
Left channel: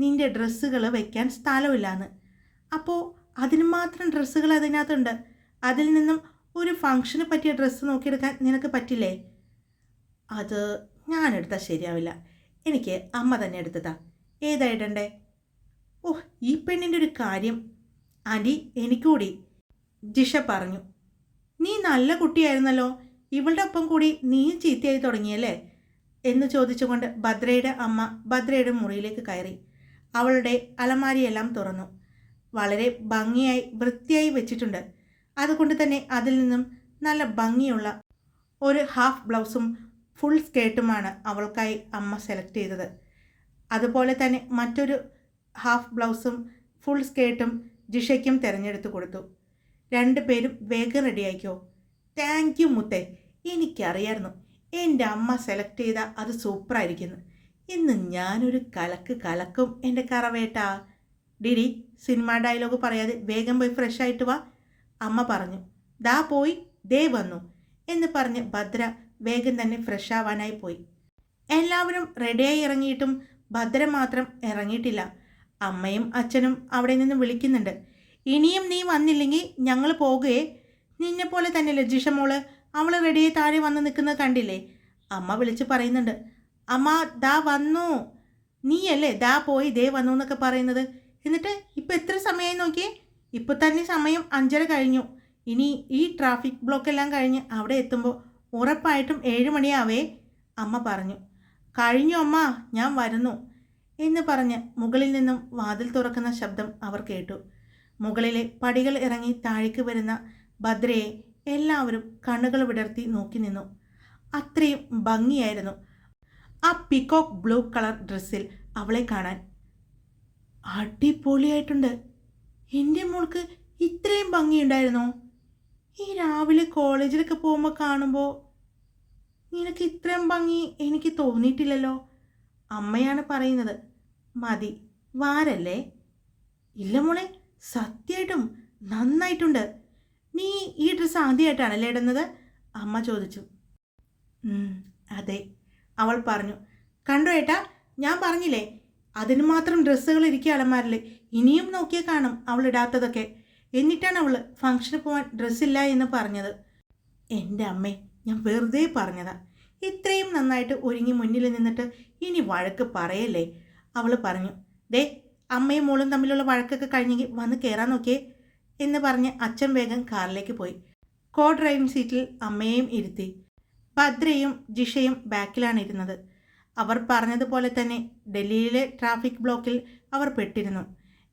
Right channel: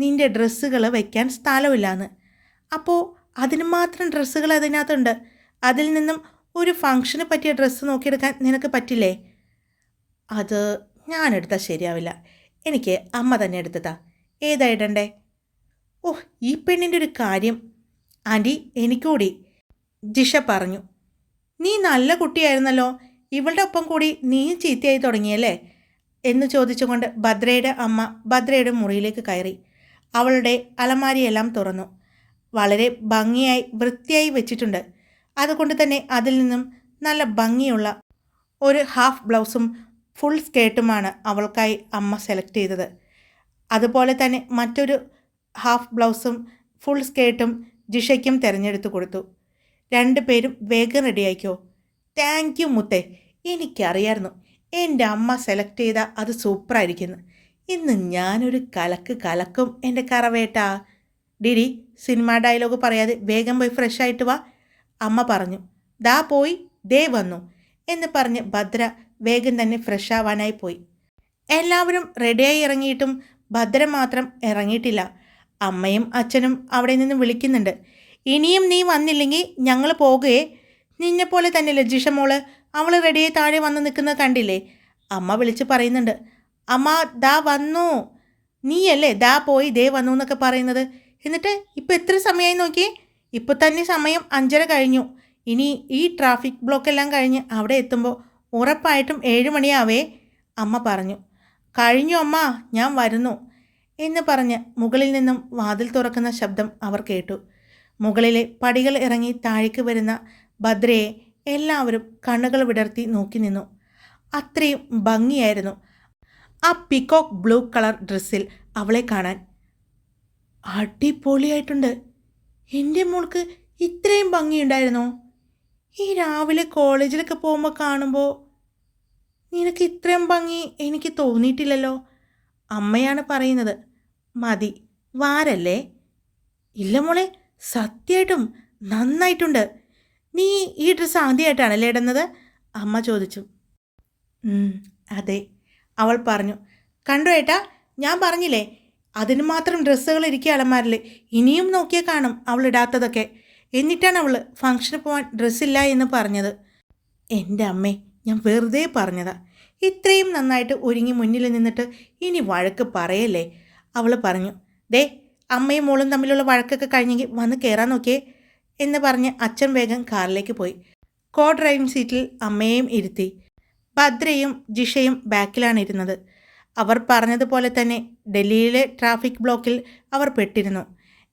നിൻ്റെ ഡ്രസ്സുകൾ വയ്ക്കാൻ സ്ഥലമില്ലാന്ന്. അപ്പോൾ അതിന് മാത്രം ഡ്രസ്സുകൾ അതിനകത്തുണ്ട്. അതിൽ നിന്നും ഒരു ഫംഗ്ഷന് പറ്റിയ ഡ്രസ്സ് നോക്കിയെടുക്കാൻ നിനക്ക് പറ്റില്ലേ? അത് ഞാനെടുത്താൽ ശരിയാവില്ല, എനിക്ക് അമ്മ തന്നെ എടുത്തതാ. ഏതാ ഇടണ്ടേ? ഈ പെണ്ണിൻ്റെ ഒരു കാര്യം. ആൻറ്റി, എനിക്കൂടി, ജിഷ പറഞ്ഞു. നീ നല്ല കുട്ടിയായിരുന്നല്ലോ, ഇവളുടെ ഒപ്പം കൂടി നീ ചീത്തയായി തുടങ്ങിയല്ലേ എന്ന് ചോദിച്ചുകൊണ്ട് ഭദ്രയുടെ അമ്മ ഭദ്രയുടെ മുറിയിലേക്ക് കയറി. അവളുടെ അലമാരിയെല്ലാം തുറന്നു. വളരെ ഭംഗിയായി വൃത്തിയായി വെച്ചിട്ടുണ്ട്. അതുകൊണ്ട് തന്നെ അതിൽ നിന്നും നല്ല ഭംഗിയുള്ള ഒരു ഹാഫ് ബ്ലൗസും ഫുൾ സ്കേർട്ടുമാണ് അവൾക്കായി അമ്മ സെലക്ട് ചെയ്തത്. അതുപോലെ തന്നെ മറ്റൊരു ഹാഫ് ബ്ലൗസും ഫുൾ സ്കേർട്ടും ജിഷയ്ക്കും തിരഞ്ഞെടുത്ത് കൊടുത്തു. 2 പേരും വേഗം റെഡിയായിക്കോ. താങ്ക് യു മുത്തേ, എനിക്കറിയായിരുന്നു എൻ്റെ അമ്മ സെലക്ട് ചെയ്ത അത് സൂപ്പറായിരിക്കുന്നു. ഇന്ന് ഞാനൊരു കലക്കും എൻ്റെ കറവേട്ടാ. ഡിഡി, സിനിമ ഡയലോഗ് പറയാതെ വേഗം പോയി ഫ്രഷ് ആയിട്ട് വാ, അമ്മ പറഞ്ഞു. ദാ പോയി, ദേ വന്നു എന്ന് പറഞ്ഞ് ഭദ്ര വേഗം തന്നെ ഫ്രഷ് ആവാനായി പോയി. എല്ലാവരും റെഡിയായി ഇറങ്ങിയിട്ടും ഭദ്ര മാത്രം ഇറങ്ങിയിട്ടില്ല. അമ്മയും അച്ഛനും അവിടെ നിന്ന് വിളിക്കുന്നുണ്ട്. ഇനിയും നീ വന്നില്ലെങ്കിൽ ഞങ്ങൾ പോകുകയെ. നിന്നെപ്പോലെ തന്നെ ലജിഷ മോള്, അവൾ റെഡിയായി താഴെ വന്ന് നിൽക്കുന്നത് കണ്ടില്ലേ? അമ്മ വിളിച്ച് പറയുന്നുണ്ട്. അമ്മ ദാ വന്നു, നീയല്ലേ ദാ പോയി ദേ വന്നു എന്നൊക്കെ പറയുന്നത്. എന്നിട്ട് ഇപ്പോൾ എത്ര സമയമായി നോക്കിയേ? ഇപ്പോൾ തന്നെ സമയം 5:30 കഴിഞ്ഞു. ഇനി ഈ ട്രാഫിക് ബ്ലോക്കെല്ലാം കഴിഞ്ഞ് അവിടെ എത്തുമ്പോൾ ഉറപ്പായിട്ടും 7 മണിയാവേ, അമ്മ പറഞ്ഞു. കഴിഞ്ഞു അമ്മ, ഞാൻ വരുന്നു എന്ന് പറഞ്ഞ് മുകളിൽ നിന്നും വാതിൽ തുറക്കുന്ന ശബ്ദം അവർ കേട്ടു. മുകളിലെ പടികൾ ഇറങ്ങി താഴേക്ക് വരുന്ന ഭദ്രയെ എല്ലാവരും കണ്ണുകൾ വിടർത്തി നോക്കി നിന്നു. അത്രയും ഭംഗിയായിരുന്നു ആ പീകോക്ക് ബ്ലൂ കളർ ഡ്രസ്സിൽ അവളെ കാണാൻ. അടിപൊളിയായിട്ടുണ്ട്. എൻ്റെ മോൾക്ക് ഇത്രയും ഭംഗിയുണ്ടായിരുന്നോ? ഈ രാവിലെ കോളേജിലൊക്കെ പോകുമ്പോൾ കാണുമ്പോൾ നിനക്ക് ഇത്രയും ഭംഗി എനിക്ക് തോന്നിയിട്ടില്ലല്ലോ. അമ്മയാണ് പറയുന്നത്. മതി, വാരല്ലേ? ഇല്ല മോളെ, സത്യമായിട്ടും നന്നായിട്ടുണ്ട്. നീ ഈ ഡ്രസ്സ് ആദ്യമായിട്ടാണല്ലേ ഇടുന്നത്? അമ്മ ചോദിച്ചു. അതെ, അവൾ പറഞ്ഞു. കണ്ടോ ഏട്ടാ, ഞാൻ പറഞ്ഞില്ലേ, അതിന് മാത്രം ഡ്രസ്സുകൾ ഇരിക്കുക അലമാരിൽ. ഇനിയും നോക്കിയാൽ കാണും അവൾ ഇടാത്തതൊക്കെ. എന്നിട്ടാണ് അവൾ ഫംഗ്ഷന് പോകാൻ ഡ്രസ്സില്ല എന്ന് പറഞ്ഞത്. എൻ്റെ അമ്മേ, ഞാൻ വെറുതെ പറഞ്ഞതാ. ഇത്രയും നന്നായിട്ട് ഒരുങ്ങി മുന്നിൽ നിന്നിട്ട് ഇനി വഴക്ക് പറയല്ലേ, അവൾ പറഞ്ഞു. ദേ, അമ്മയും മോളും തമ്മിലുള്ള വഴക്കൊക്കെ കഴിഞ്ഞെങ്കിൽ വന്ന് കയറാൻ നോക്കിയേ എന്ന് പറഞ്ഞ് അച്ഛൻ വേഗം കാറിലേക്ക് പോയി. കോ ഡ്രൈവിംഗ് സീറ്റിൽ അമ്മയെയും ഇരുത്തി. ഭദ്രയും ജിഷയും ബാക്കിലാണ് ഇരുന്നത്. അവർ പറഞ്ഞതുപോലെ തന്നെ ഡൽഹിയിലെ ട്രാഫിക് ബ്ലോക്കിൽ അവർ പെട്ടിരുന്നു.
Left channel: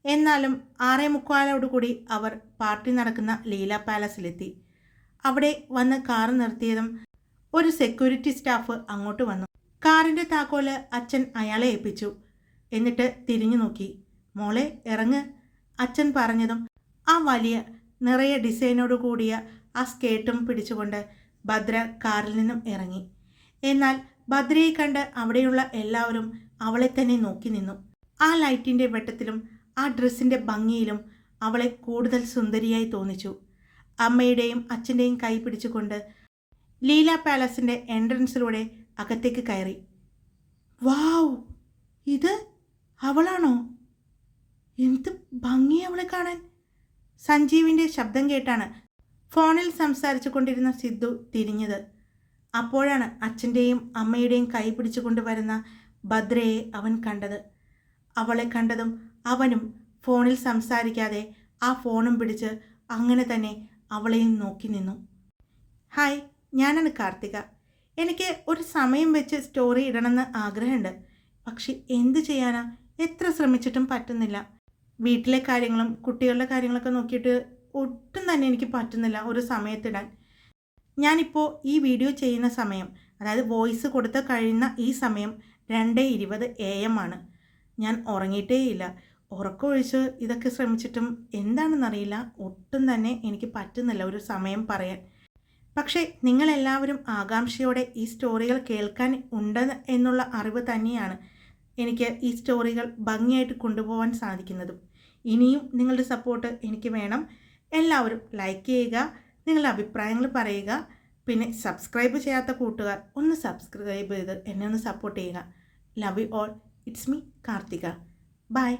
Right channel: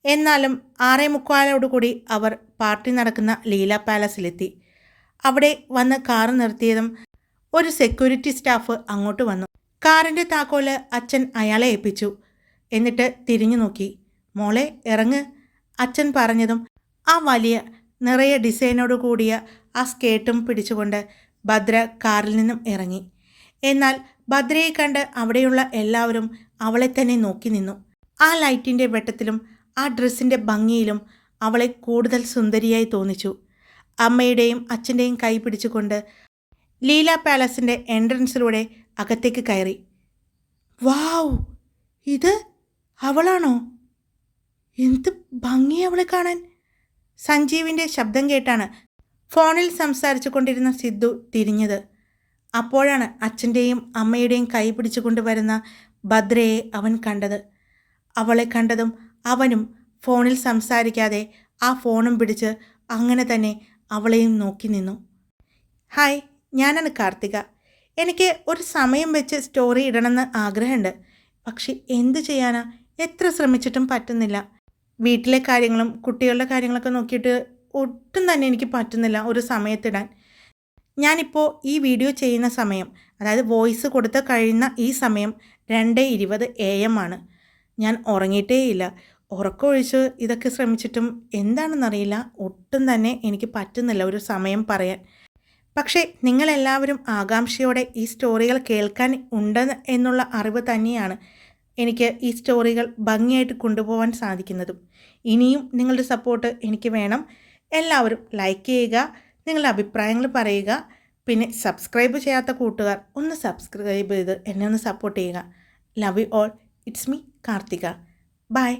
എന്നാലും 6:45 അവർ പാർട്ടി നടക്കുന്ന ലീല പാലസിലെത്തി. അവിടെ വന്ന് കാറ് നിർത്തിയതും ഒരു സെക്യൂരിറ്റി സ്റ്റാഫ് അങ്ങോട്ട് വന്നു. കാറിൻ്റെ താക്കോല് അച്ഛൻ അയാളെ ഏൽപ്പിച്ചു. എന്നിട്ട് തിരിഞ്ഞു നോക്കി. മോളെ ഇറങ്ങ്, അച്ഛൻ പറഞ്ഞതും ആ വലിയ നിറയെ ഡിസൈനോട് കൂടിയ ആ സ്കേർട്ടും പിടിച്ചുകൊണ്ട് ഭദ്ര കാറിൽ നിന്നും ഇറങ്ങി. എന്നാൽ ഭദ്രയെ കണ്ട് അവിടെയുള്ള എല്ലാവരും അവളെ തന്നെ നോക്കി നിന്നു. ആ ലൈറ്റിൻ്റെ വെട്ടത്തിലും ആ ഡ്രസ്സിൻ്റെ ഭംഗിയിലും അവളെ കൂടുതൽ സുന്ദരിയായി തോന്നിച്ചു. അമ്മയുടെയും അച്ഛൻ്റെയും കൈ പിടിച്ചുകൊണ്ട് ലീല പാലസിൻ്റെ എൻട്രൻസിലൂടെ അകത്തേക്ക് കയറി. വാവ്, ഇത് അവളാണോ? എന്ത് ഭംഗി അവളെ കാണാൻ! സഞ്ജീവിൻ്റെ ശബ്ദം കേട്ടാണ് ഫോണിൽ സംസാരിച്ചു കൊണ്ടിരുന്ന സിദ്ധു തിരിഞ്ഞത്. അപ്പോഴാണ് അച്ഛൻ്റെയും അമ്മയുടെയും കൈ പിടിച്ചുകൊണ്ട് വരുന്ന ഭദ്രയെ അവൻ കണ്ടത്. അവളെ കണ്ടതും അവനും ഫോണിൽ സംസാരിക്കാതെ ആ ഫോണും പിടിച്ച് അങ്ങനെ തന്നെ അവളെയും നോക്കി നിന്നു. ഹായ്, ഞാനാണ് കാർത്തിക. എനിക്ക് ഒരു സമയം വെച്ച് സ്റ്റോറി ഇടണമെന്ന് ആഗ്രഹമുണ്ട്. പക്ഷെ എന്തു ചെയ്യാനാ, എത്ര ശ്രമിച്ചിട്ടും പറ്റുന്നില്ല. വീട്ടിലെ കാര്യങ്ങളും കുട്ടികളുടെ കാര്യങ്ങളൊക്കെ നോക്കിയിട്ട് ഒട്ടും തന്നെ എനിക്ക് പറ്റുന്നില്ല ഒരു സമയത്തിടാൻ. ഞാനിപ്പോൾ ഈ വീഡിയോ ചെയ്യുന്ന സമയം, അതായത് വോയിസ് കൊടുത്ത് കഴിയുന്ന ഈ സമയം 2:20 AM ആണ്. ഞാൻ ഉറങ്ങിയിട്ടേയില്ല. ഉറക്കമൊഴിച്ച് ഇതൊക്കെ ശ്രമിച്ചിട്ടും എന്താണെന്നറിയില്ല, ഒട്ടും തന്നെ എനിക്ക് പറ്റുന്നില്ല ഒരു സമയം പറയാൻ. പക്ഷേ നിങ്ങളെല്ലാവരും ആകാംക്ഷയോടെ ഈ സ്റ്റോറികൾ കേൾക്കാൻ ഉണ്ട് എന്നുള്ള അറിവ് തന്നെയാണ് എനിക്ക് ഈ സ്റ്റോറികൾ ഭംഗിയായിട്ട് കൊണ്ടുപോകാൻ സാധിക്കുന്നതും. ഇനിയും നിങ്ങളുടെ സപ്പോർട്ട് എനിക്ക് വേണം. എല്ലാവരും ലൈക്ക് ചെയ്യുക, നിങ്ങളുടെ അഭിപ്രായങ്ങൾ പറയുക. പിന്നെ സബ്സ്ക്രൈബ് ചെയ്യാത്ത കൂട്ടുകാർ ഒന്ന് സബ്സ്ക്രൈബ് ചെയ്ത് എന്നെ ഒന്ന് സപ്പോർട്ട് ചെയ്യുക. Love you all. It's me Karthika. By.